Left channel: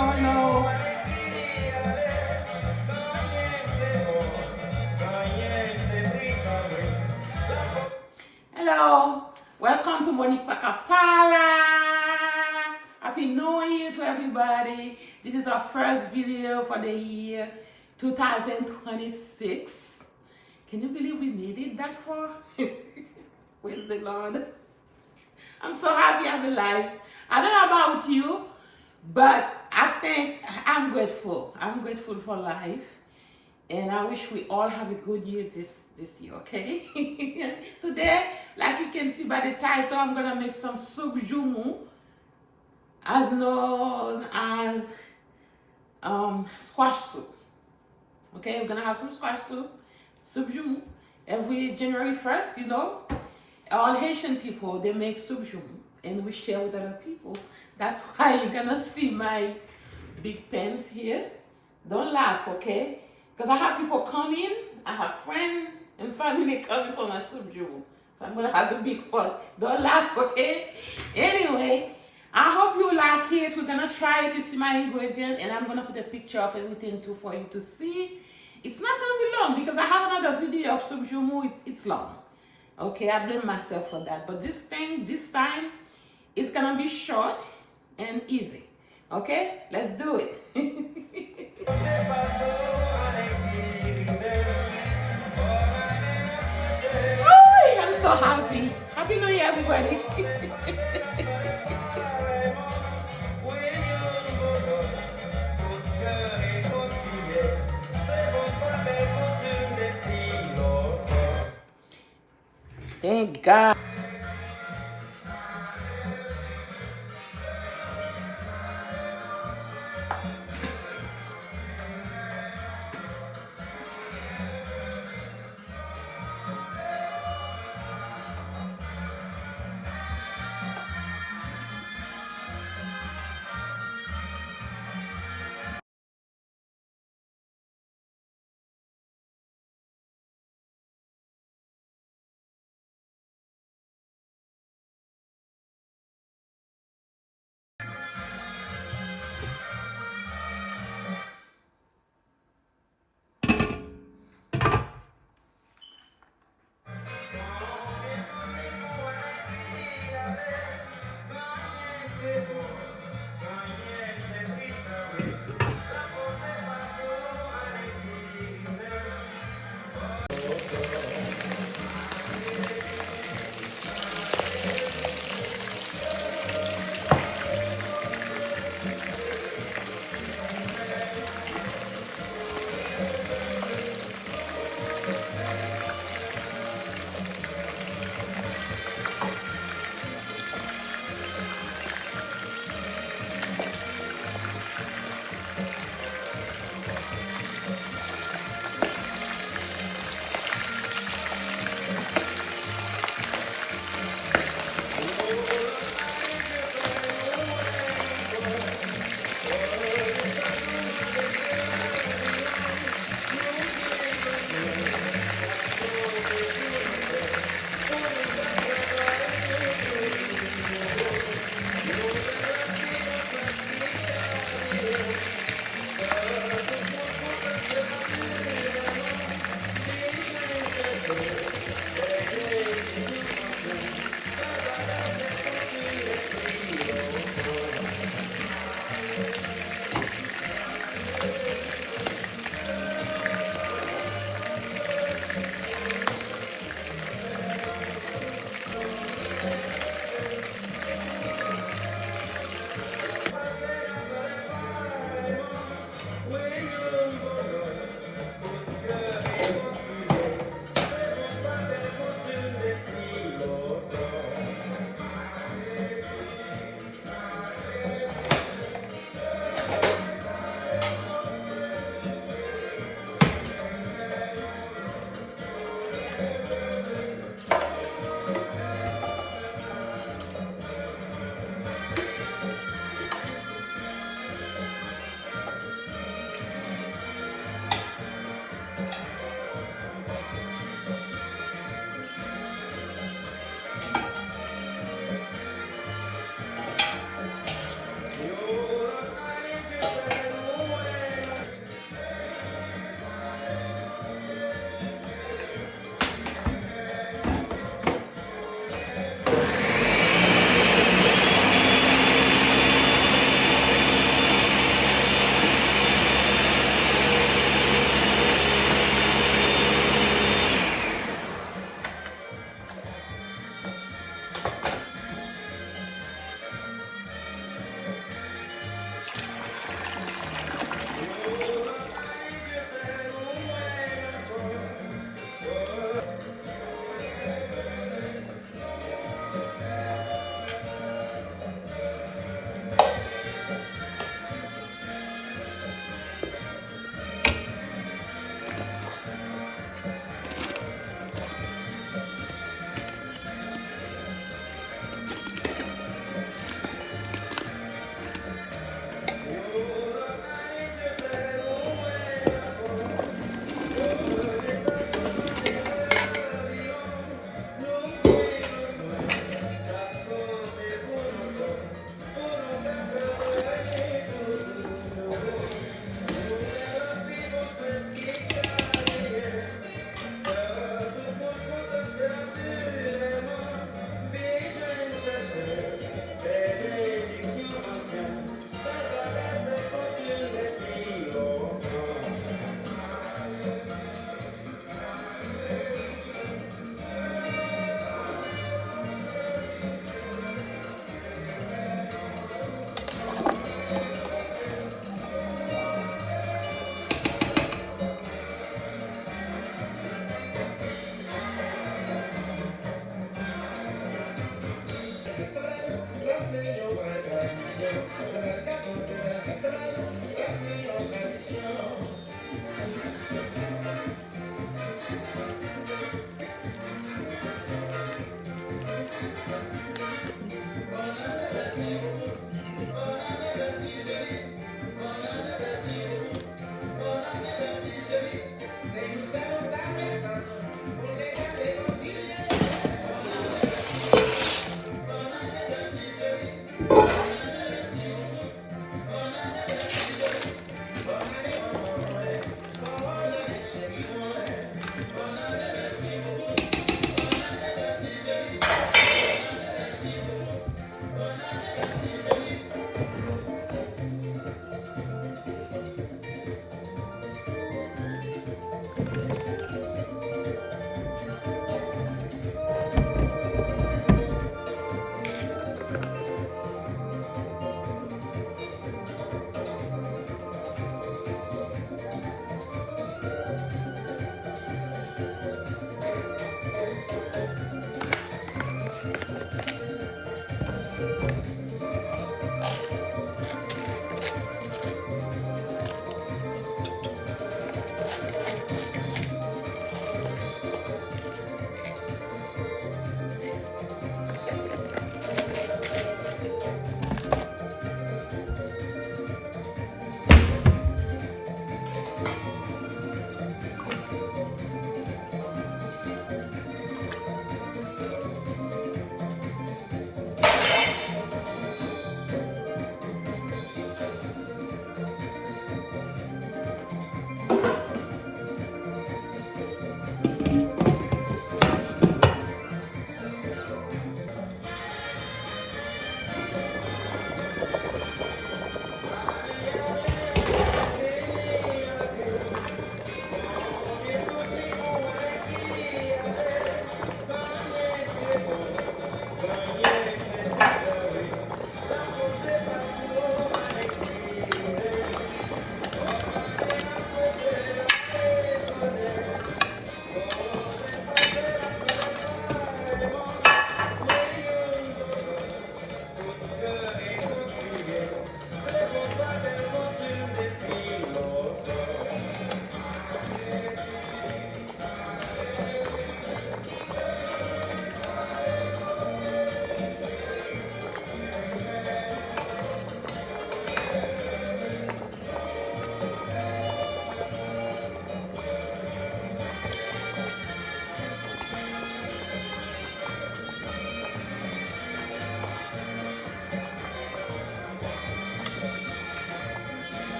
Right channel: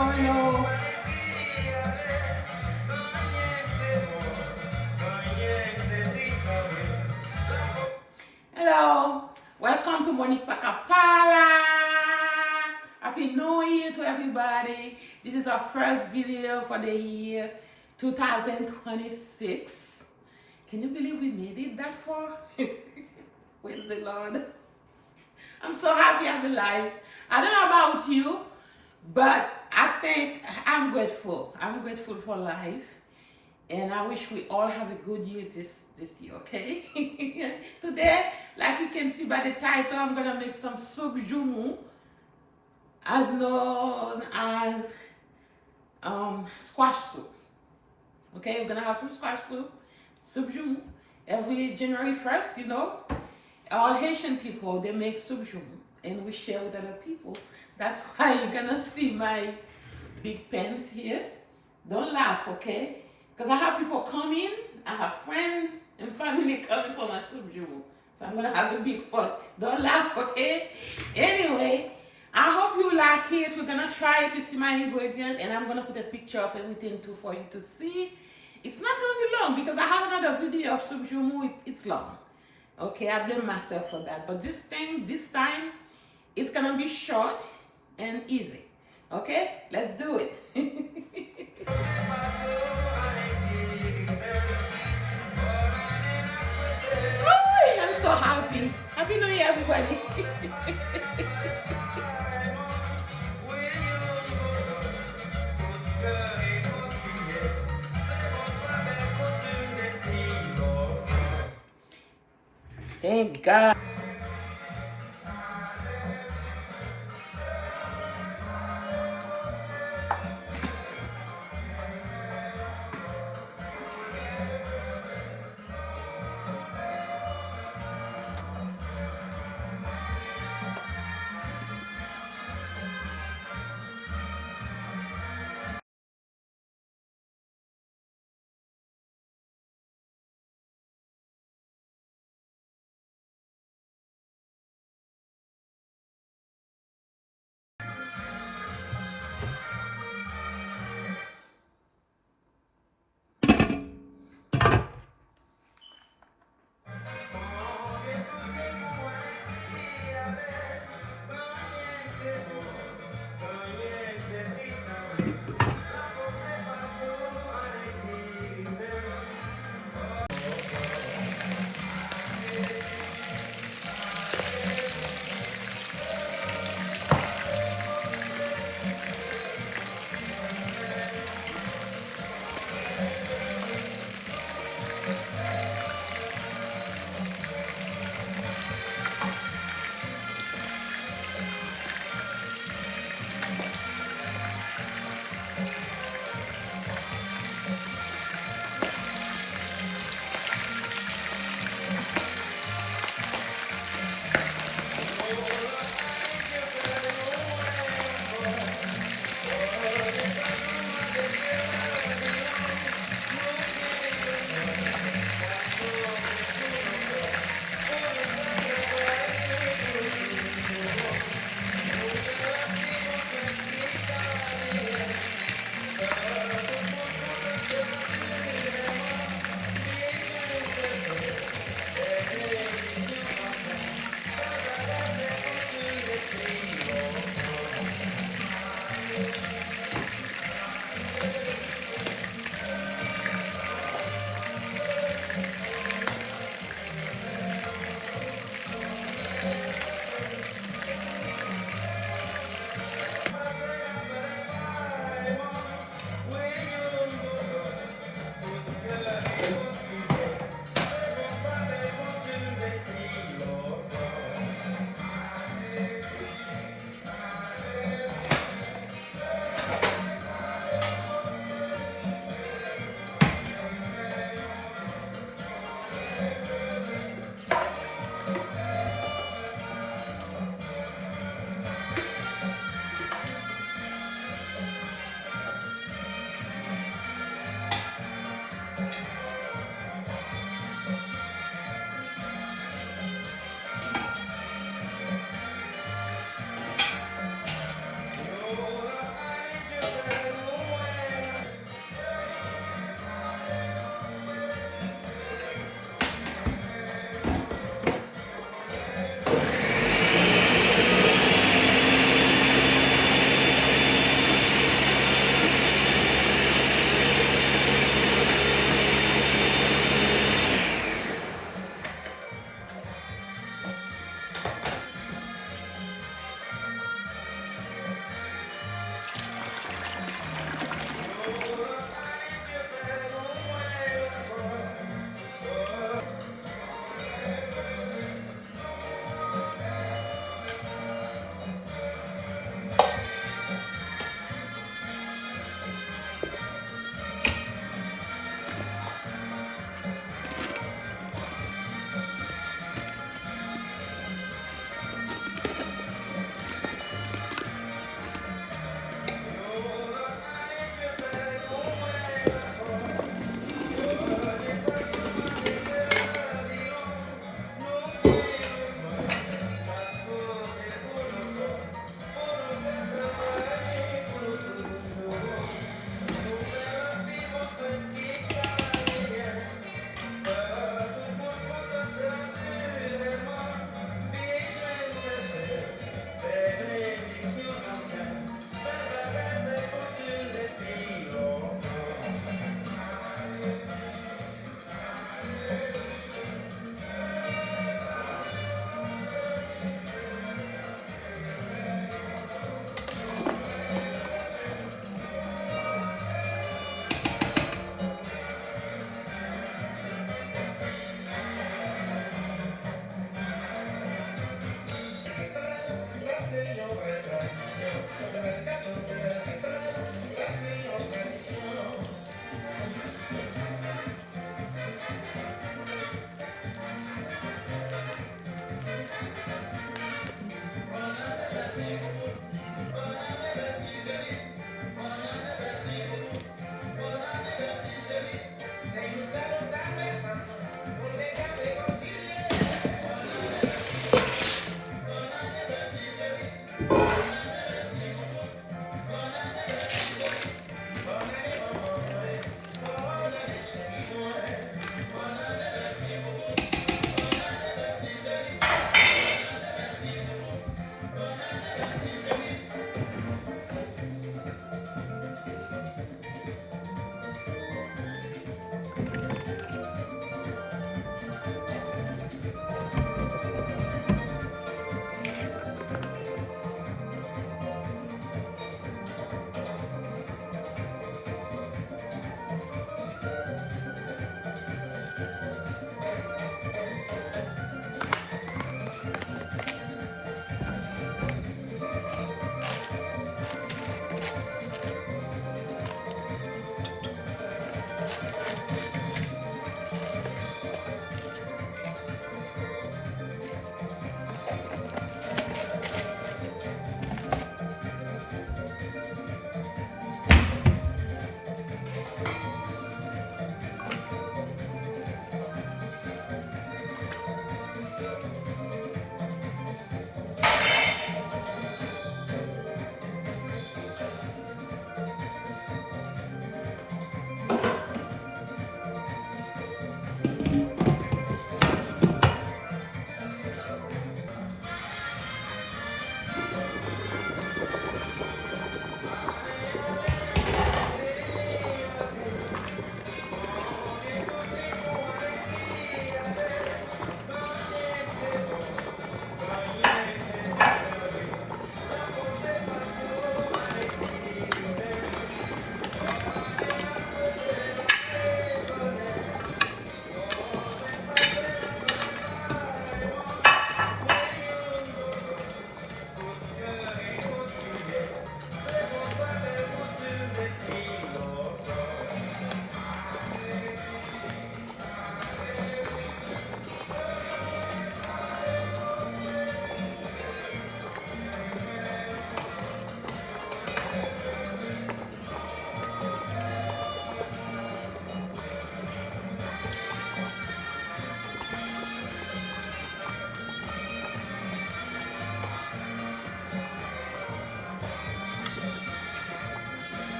hello. Hello. Welcome to Monique Pacapala. Happy New Year to everybody. This is our first video for the year 2026. Can you believe we made it that far? Praise the Lord. I'm so happy I'm alive. I don't know about you, but I think I'm grateful. I'm grateful for life. And I wish we all have a good year this year, okay? Today, like you can see by the title, I'm gonna make some soup jumu, as known as squash soup. Okay, we're gonna have some squash soup jumu. Every January 1st, you know, all Haitian people, they make soup jumu, and we share with other people. That's why you're gonna see my big pans here. Don't laugh, okay? Because I have people come in, I have friends and family coming for my soup jumu. So I'm gonna have a big pot. Don't laugh, okay? Anyway, I hope you like it. We're gonna try it. You see my ingredient, and I'm gonna put a picture of everything too for you to see. It's not gonna be long because I have another video of soup jumu. It's long. Okay, I blame myself for that. But this time, it's gonna be short and easy. Okay, let's do it. Oh, I'm so happy. Happy New Year, everybody. Thank God.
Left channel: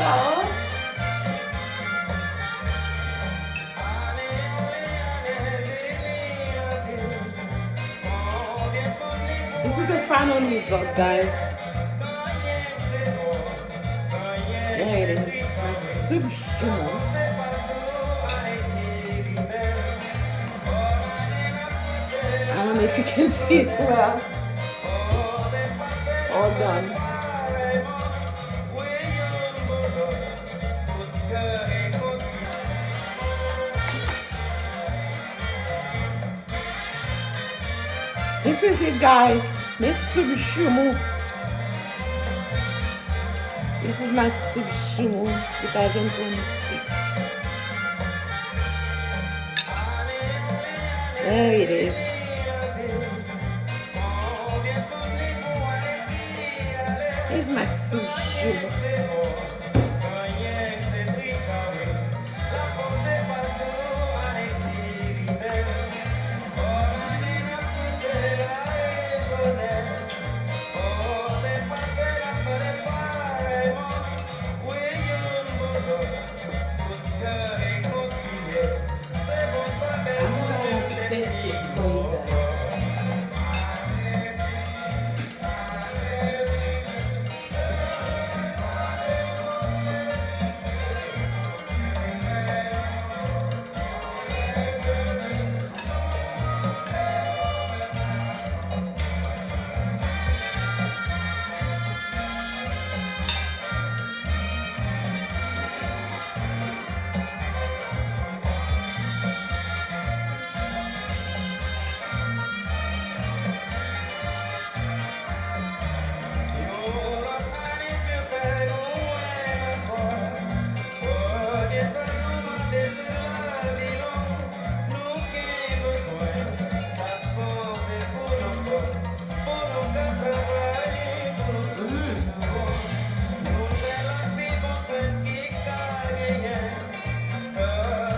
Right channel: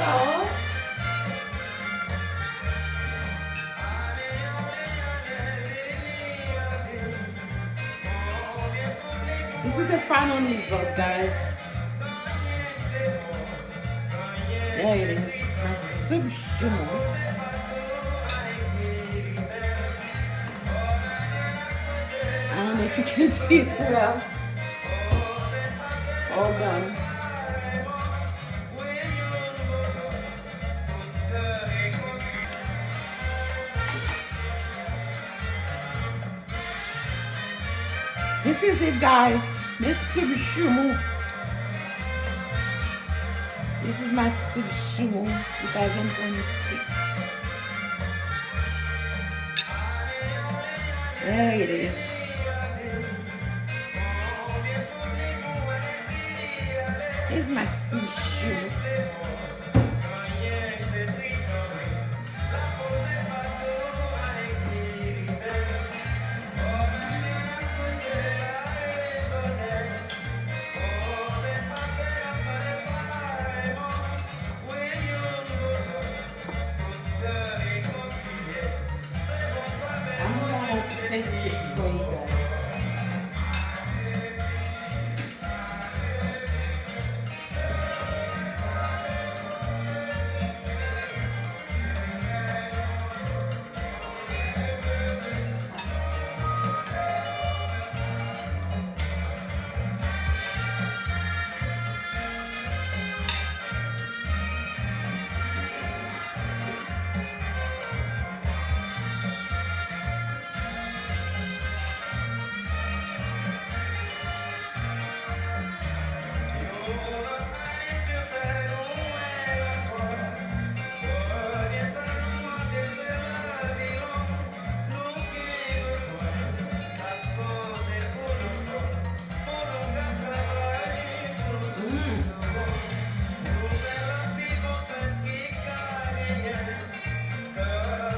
salt. This is the final result, guys. There it is, my soup jumeau. I don't know if you can see it well. All done. This is it, guys. My soup jumeau. This is my soup jumeau 2026. There it is. Here's my soup jumeau. I'm gonna taste this for you guys.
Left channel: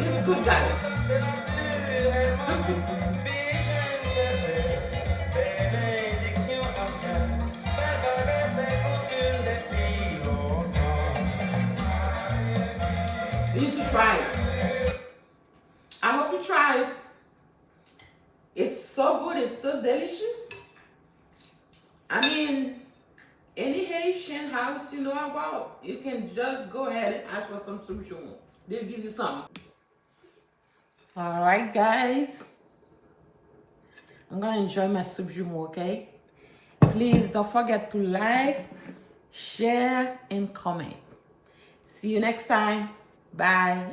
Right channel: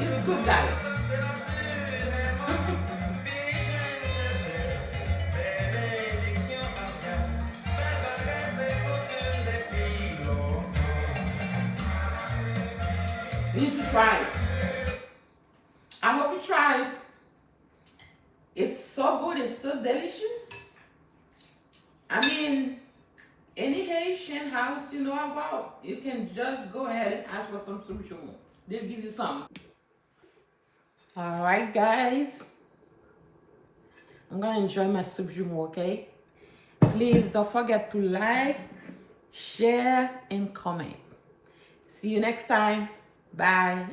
It's good, guys. You need to try it. I hope you try it. It's so good. It's so delicious. I mean, any Haitian house you know about, you can just go ahead and ask for some soup jumeau. They'll give you some. All right, guys. I'm gonna enjoy my soup jumeau, okay? Please don't forget to like, share, and comment. See you next time. Bye.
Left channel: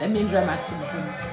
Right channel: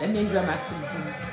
Let me enjoy my soup.